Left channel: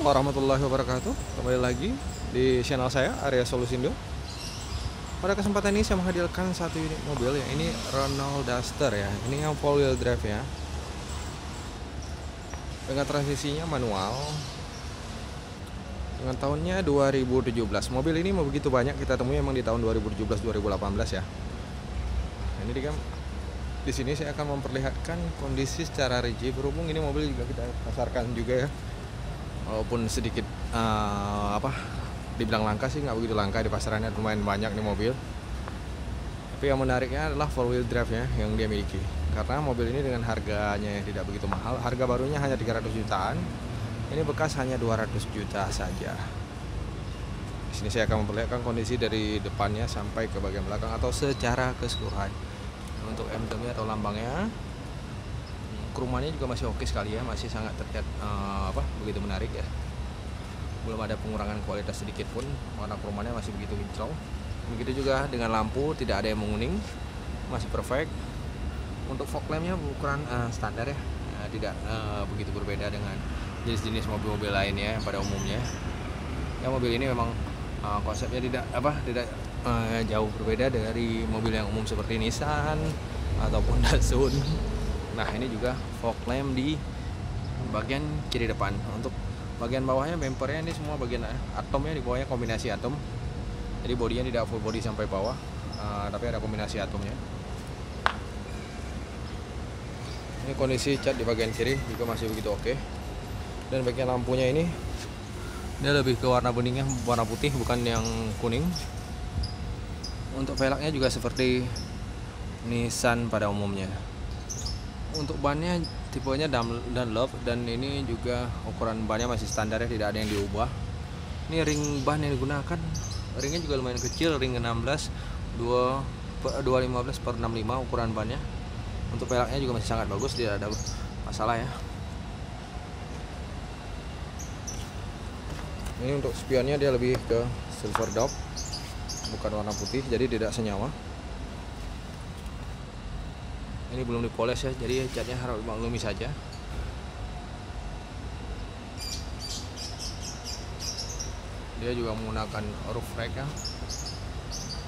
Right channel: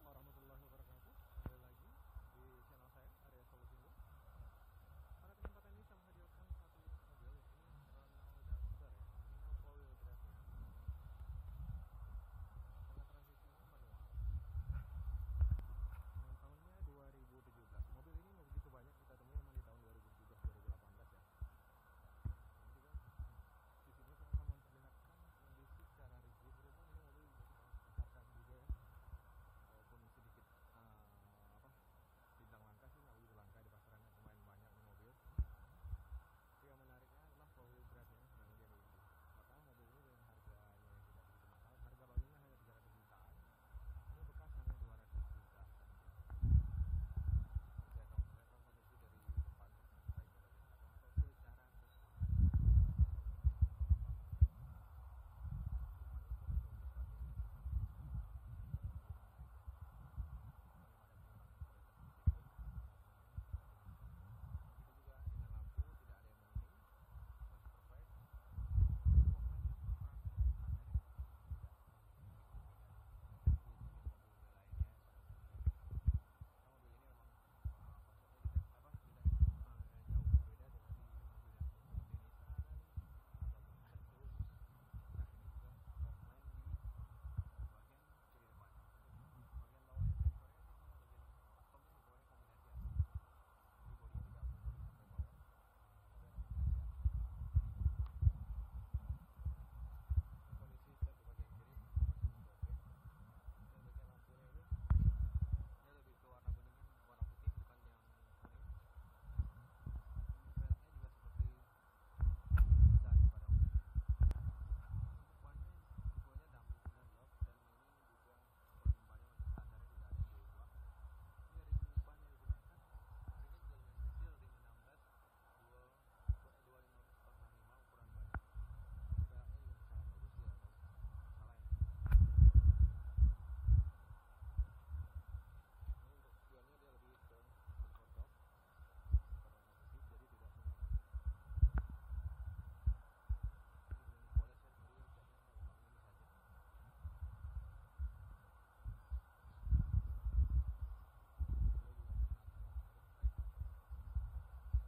warahmatullahi wabarakatuh. Kembali lagi di channel saya, Arya Solusindo. Pada kesempatan ini saya menghadirkan satu unit mobil ya. Ini Renault Duster ya. Ini yang four wheel drive ya. Dengan transmisinya manual. Dengan tahunnya 2017. Mobil ini mau begitu banyak kita temui memang di tahun 2017-2018 ya. Ini di sini saya akan memperlihatkan kondisi secara rigid, berhubung ini mobil juga kita pasarkan juga ya. Walaupun sedikit dibilang langka sih, nggak begitu langka, di pasarannya lumayan banyak nih mobil. Tapi yang menariknya adalah four wheel drive ya yang dia miliki. Karena mobil ini dengan harganya yang tidak begitu mahal, harga barunya hanya 300 jutaan. Ini bekas hanya 200 juta saja. Di sini saya akan memperlihatkan kondisi dari depannya sampai ke bagian belakang atau secara keseluruhan. Untuk emblemnya atau lambangnya, kerumannya juga masih oke sekali ya, masih sangat terlihat begitu menarik ya. Belum ada pengurangan kualitas sedikit pun, warna kerumannya masih begitu kinclong. Begitu juga dengan lampu, tidak ada yang menguning, masih perfect. Untuk fog lampnya ukuran standar ya, tidak begitu berbeda dengan jenis-jenis mobil-mobil lainnya yang pada umumnya. Ya, mobil ini memang konsepnya tidak jauh berbeda dari mobil yang umum seperti Nissan ataupun Datsun. Nah, ini juga fog lamp di bagian kiri depan. Untuk bagian bawahnya, bumpernya ini semua bagian atomnya, di bawahnya kombinasi atom. Jadi bodinya tidak full body sampai bawah, tapi ada kombinasi atomnya. Ini kondisi cat di bagian kiri juga masih begitu oke. Dan bagian lampunya ini dia lebih ke warna beningnya, warna putih bukan yang kuning. Untuk velgnya juga seperti Nissan pada umumnya. Untuk bannya tipenya Dunlop, dan ini juga ukuran bannya masih standar ya, tidak ada yang diubah. Ini ring ban yang digunakan, ringnya juga lumayan kecil, ring 16 215/65 ukuran bannya. Untuk velgnya juga masih sangat bagus, tidak ada masalah ya. Ini untuk spionnya dia lebih ke silver dop, bukan warna putih, jadi tidak senyawa. Ini belum dipoles ya, jadi catnya harus dimaklumi saja. Dia juga menggunakan roof rack ya.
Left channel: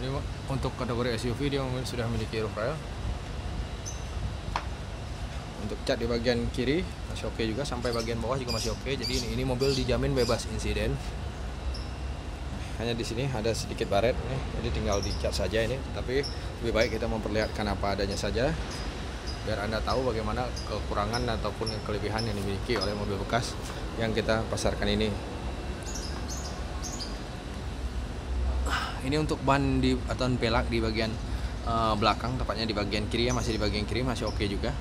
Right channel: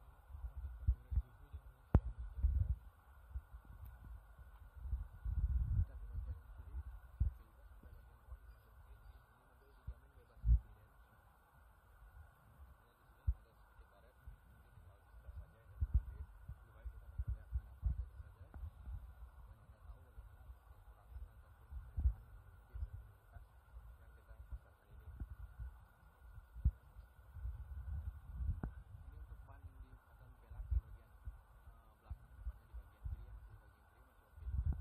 Ini untuk kategori SUV dia sudah memiliki roof rack. Untuk cat di bagian kiri masih oke juga, sampai bagian bawah juga masih oke. Jadi ini mobil dijamin bebas insiden. Hanya di sini ada sedikit baret nih, jadi tinggal dicat saja ini. Tapi lebih baik kita memperlihatkan apa adanya saja, biar Anda tahu bagaimana kekurangan ataupun kelebihan yang dimiliki oleh mobil bekas yang kita pasarkan ini. Ini untuk ban atau pelak di bagian belakang, tepatnya di bagian kiri ya, masih di bagian kiri masih oke juga.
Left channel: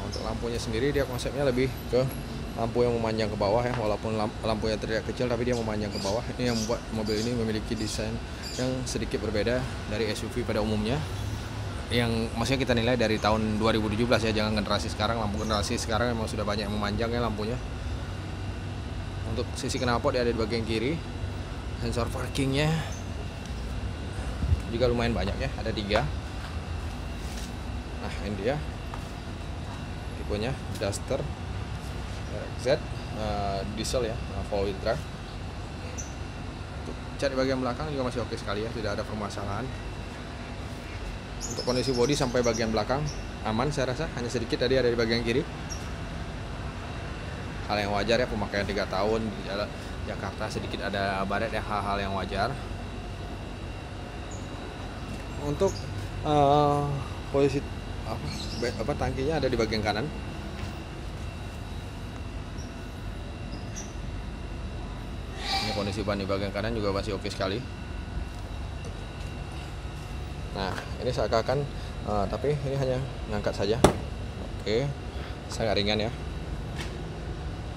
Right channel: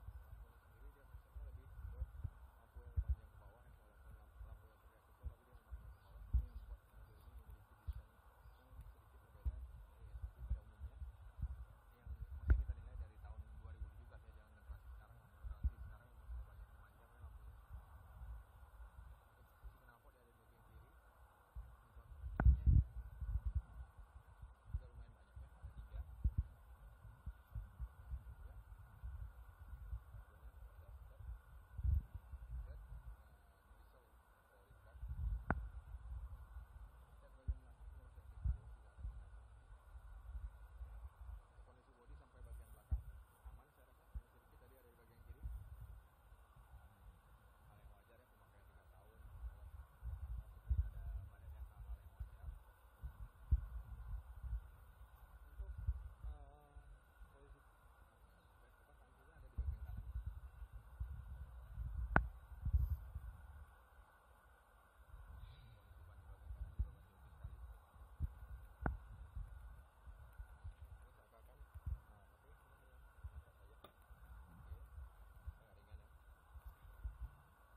Untuk lampunya sendiri dia konsepnya lebih ke lampu yang memanjang ke bawah ya, walaupun lampunya terlihat kecil tapi dia memanjang ke bawah. Ini yang membuat mobil ini memiliki desain yang sedikit berbeda dari SUV pada umumnya, yang maksudnya kita nilai dari tahun 2017 ya, jangan generasi sekarang. Lampu generasi sekarang memang sudah banyak yang memanjang ya lampunya. Untuk sisi knalpot dia ada di bagian kiri. Sensor parkingnya juga lumayan banyak ya, ada 3. Nah, ini dia tipenya Duster RX-Z diesel ya, four wheel drive. Untuk cat di bagian belakang juga masih oke sekali ya, tidak ada permasalahan. Untuk kondisi bodi sampai bagian belakang aman saya rasa, hanya sedikit tadi ada di bagian kiri. Hal yang wajar ya, pemakaian 3 tahun di Jakarta, sedikit ada baret ya, hal-hal yang wajar. Untuk posisi tangkinya ada di bagian kanan. Ini kondisi ban di bagian kanan juga masih oke sekali. Nah, ini seakan-akan tapi ini hanya ngangkat saja. Oke, sangat ringan ya.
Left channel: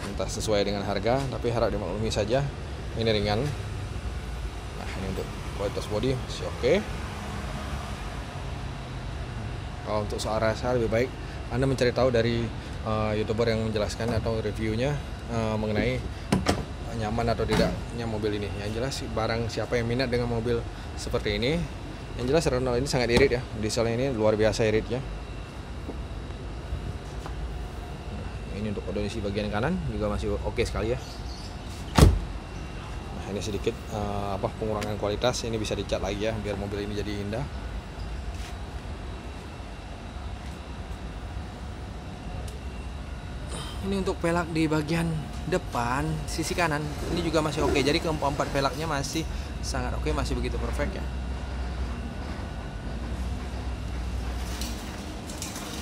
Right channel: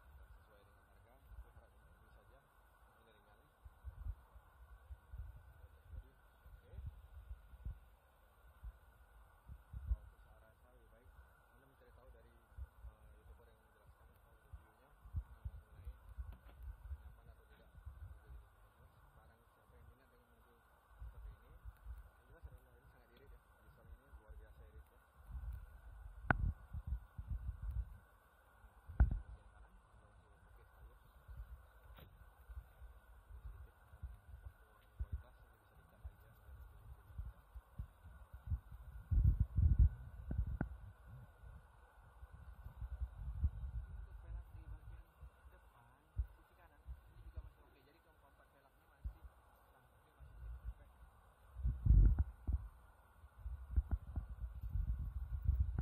Entah sesuai dengan harga, tapi harap dimaklumi saja, ini ringan. Nah, ini untuk kualitas bodi masih oke. Kalau untuk soal rasa, lebih baik Anda mencari tahu dari YouTuber yang menjelaskan atau reviewnya mengenai nyaman atau tidaknya mobil ini. Yang jelas barang siapa yang minat dengan mobil seperti ini, yang jelas Renault ini sangat irit ya, dieselnya ini luar biasa iritnya. Ini Ini untuk kondisi bagian kanan juga masih oke sekali ya. Nah, ini sedikit pengurangan kualitas, ini bisa dicat lagi ya biar mobil ini jadi indah. Ini untuk pelak di bagian depan sisi kanan ini juga masih oke. Jadi keempat pelaknya masih sangat oke, masih begitu perfect ya.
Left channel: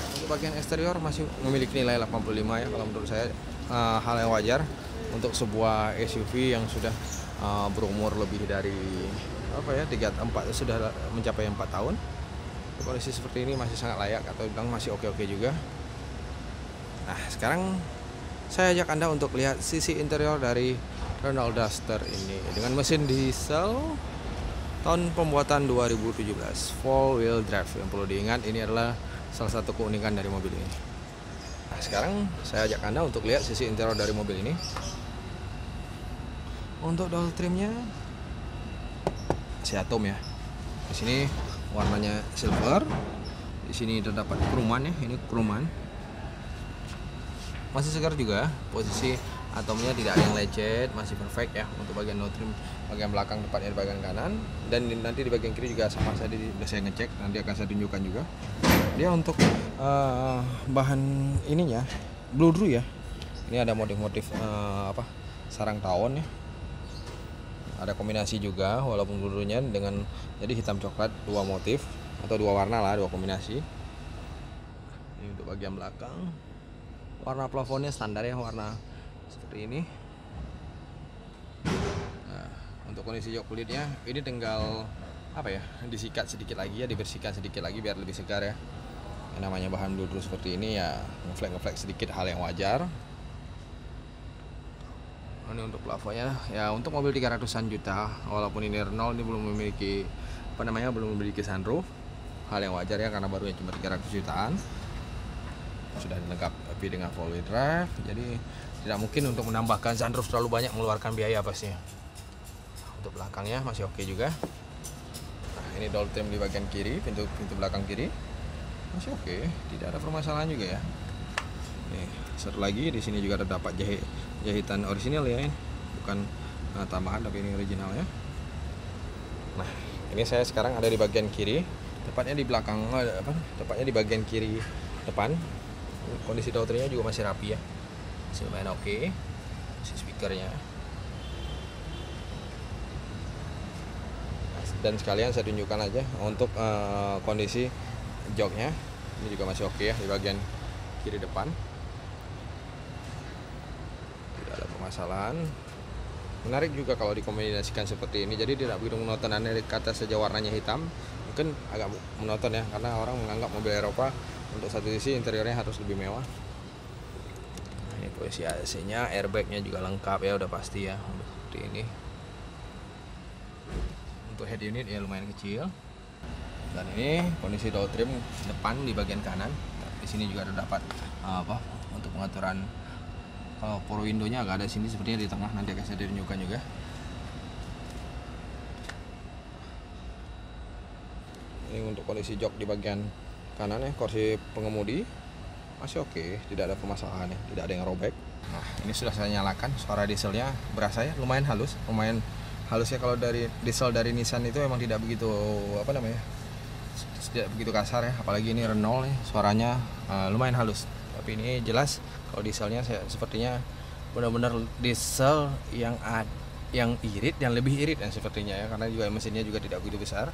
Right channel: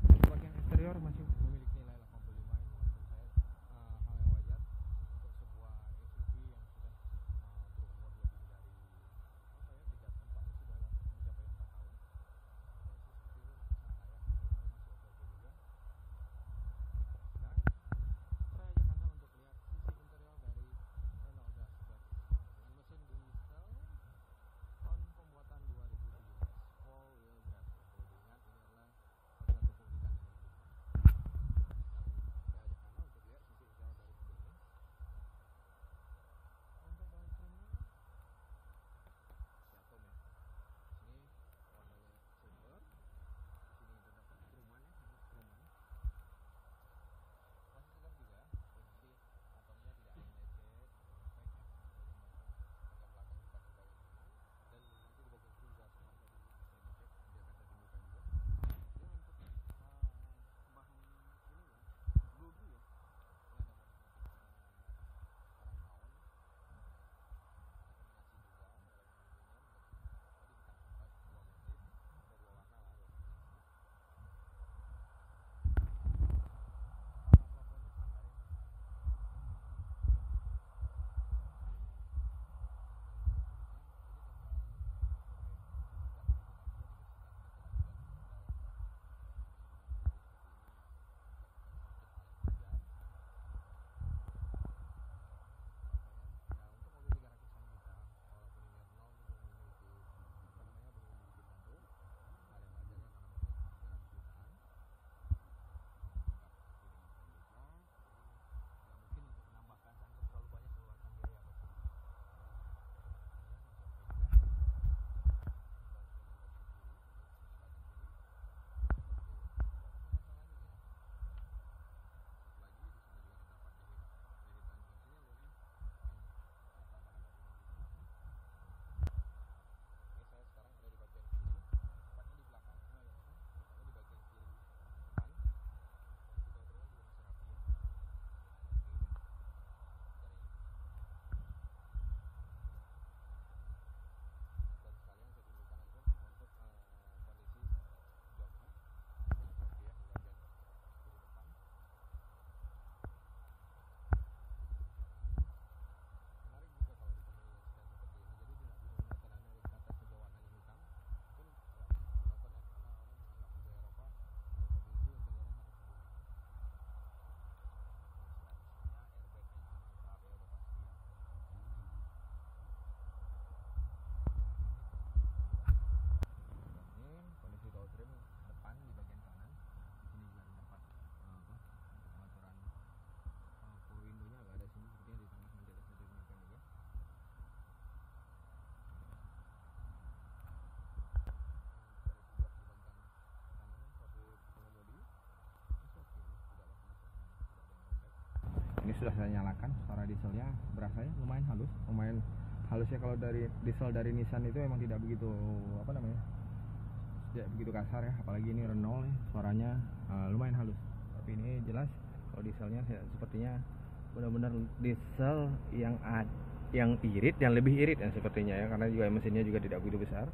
Untuk bagian eksterior masih memiliki nilai 85 ya. Kalau menurut saya hal yang wajar untuk sebuah SUV yang sudah berumur lebih dari 4 sudah mencapai 4 tahun. Kondisi seperti ini masih sangat layak atau bilang masih oke-oke juga. Nah, sekarang saya ajak Anda untuk lihat sisi interior dari Renault Duster ini dengan mesin diesel tahun pembuatan 2017 4 wheel drive. Yang perlu diingat, ini adalah salah satu keunikan dari mobil ini. Nah, sekarang saya ajak Anda untuk lihat sisi interior dari mobil ini. Untuk door trimnya Seatom ya. Di sini warnanya silver. Di sini terdapat kroman ya, ini kroman. Masih segar juga, posisi atomnya tidak ada yang lecet, masih perfect ya. Untuk bagian door trim bagian belakang tepatnya di bagian kanan, dan nanti di bagian kiri juga sama saya ngecek, nanti akan saya tunjukkan juga. Dia untuk bahan ininya bludru ya. Ini ada motif-motif sarang tawon ya. Ada kombinasi juga walaupun bludrunya dengan jadi hitam coklat, dua motif atau dua warna lah, dua kombinasi. Ini untuk bagian belakang. Warna plafonnya standar ya, warna seperti ini. Nah, untuk kondisi jok kulitnya ini tinggal disikat sedikit lagi ya, dibersihkan sedikit lagi biar lebih segar ya. Yang namanya bahan bludru seperti ini ya, ngeflek sedikit hal yang wajar. Ini untuk plafonnya ya, untuk mobil 300-an juta walaupun ini Renault, ini belum memiliki belum memiliki sunroof. Hal yang wajar ya, karena barunya cuma 300 jutaan. Sudah dilengkapi dengan 4 wheel drive, jadi tidak mungkin untuk menambahkan sunroof terlalu banyak mengeluarkan biaya pastinya. Untuk belakangnya masih oke juga. Nah, ini door trim di bagian kiri, pintu belakang kiri masih oke, tidak ada permasalahan juga ya. Nih, satu lagi di sini juga terdapat jahitan orisinal ya, ini bukan tambahan tapi ini original ya. Nah, ini saya sekarang ada di bagian kiri, tepatnya di belakang, tepatnya di bagian kiri depan. Kondisi door trimnya juga masih rapi ya, masih lumayan oke. Speakernya, dan sekalian saya tunjukkan aja untuk kondisi joknya. Ini juga masih oke ya di bagian kiri depan, tidak ada permasalahan. Menarik juga kalau dikombinasikan seperti ini, jadi tidak begitu monoton. Aneh kata saja warnanya hitam mungkin agak monoton ya, karena orang menganggap mobil Eropa untuk satu sisi interiornya harus lebih mewah. Nah, ini posisi AC-nya, airbagnya juga lengkap ya, udah pasti ya seperti ini. Untuk head unit ya lumayan kecil. Dan ini kondisi door trim depan di bagian kanan. Di sini juga terdapat untuk pengaturan power window-nya agak ada sini sepertinya di tengah, nanti akan saya tunjukkan juga. Ini untuk kondisi jok di bagian kanan ya, kursi pengemudi masih oke, tidak ada permasalahan ya, tidak ada yang robek. Nah, ini sudah saya nyalakan, suara dieselnya berasa ya, lumayan halus ya. Kalau dari diesel dari Nissan itu memang tidak begitu tidak begitu kasar ya, apalagi ini Renault nih, suaranya lumayan halus. Tapi ini jelas kalau dieselnya sepertinya benar-benar diesel yang irit, yang lebih irit dan sepertinya ya, karena juga mesinnya juga tidak begitu besar.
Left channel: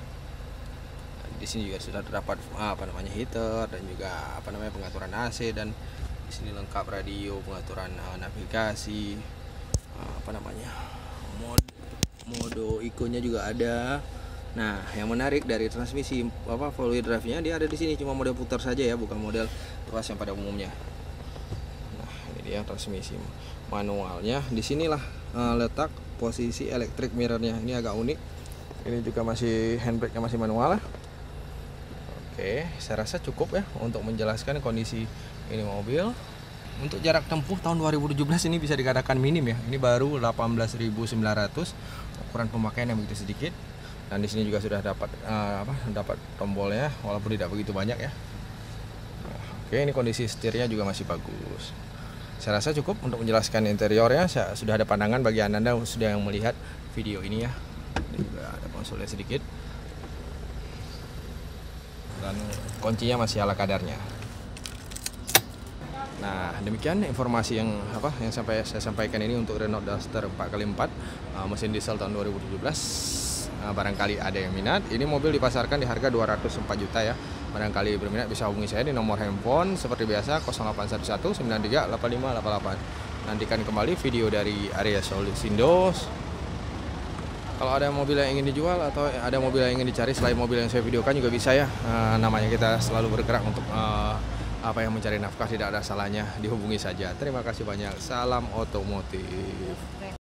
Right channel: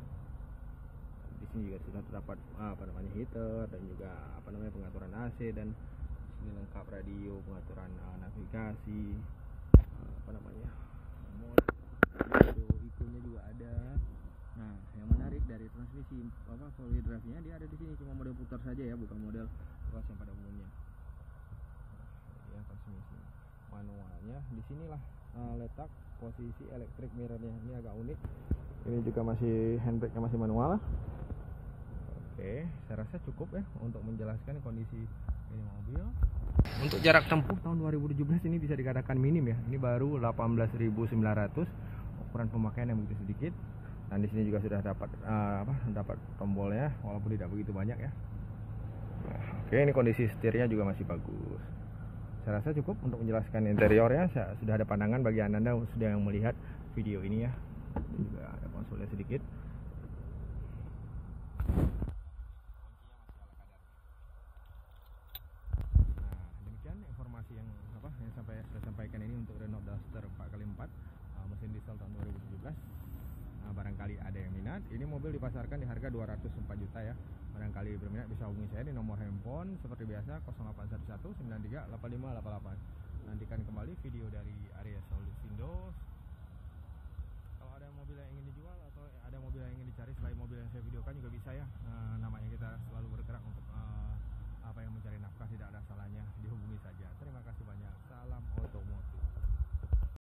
Di sini juga sudah terdapat heater dan juga pengaturan AC, dan di sini lengkap radio, pengaturan navigasi, mode ikonnya juga ada. Nah, yang menarik dari transmisi 4 wheel drive-nya, dia ada di sini cuma mode putar saja ya, bukan model tuas yang pada umumnya. Nah, ini dia transmisi manualnya. Di sinilah letak posisi electric mirror-nya. Ini agak unik. Ini juga masih handbrake-nya masih manual. Oke, saya rasa cukup ya untuk menjelaskan kondisi ini mobil. Untuk jarak tempuh tahun 2017 ini bisa dikatakan minim ya. Ini baru 18.900, ukuran pemakaian yang begitu sedikit. Dan di sini juga sudah dapat tombolnya walaupun tidak begitu banyak ya. Nah, oke, ini kondisi setirnya juga masih bagus. Saya rasa cukup untuk menjelaskan interiornya. Sudah ada pandangan bagi Anda sudah yang melihat video ini ya. Ini juga ada konsolnya sedikit. Dan kuncinya masih ala kadarnya. Nah, demikian informasi yang saya sampaikan ini untuk Renault Duster 4x4 mesin diesel tahun 2017. Barangkali ada yang minat, ini mobil dipasarkan di harga 204 juta ya. Barangkali berminat bisa hubungi saya di nomor handphone seperti biasa 0811 93 8588. Nantikan kembali video dari Arya Solindo. Kalau ada mobil yang ingin dijual atau ada mobil yang ingin dicari selain mobil yang saya videokan juga bisa ya. Namanya kita selalu bergerak untuk apa yang mencari nafkah, tidak ada salahnya dihubungi saja. Terima kasih banyak. Salam otomotif.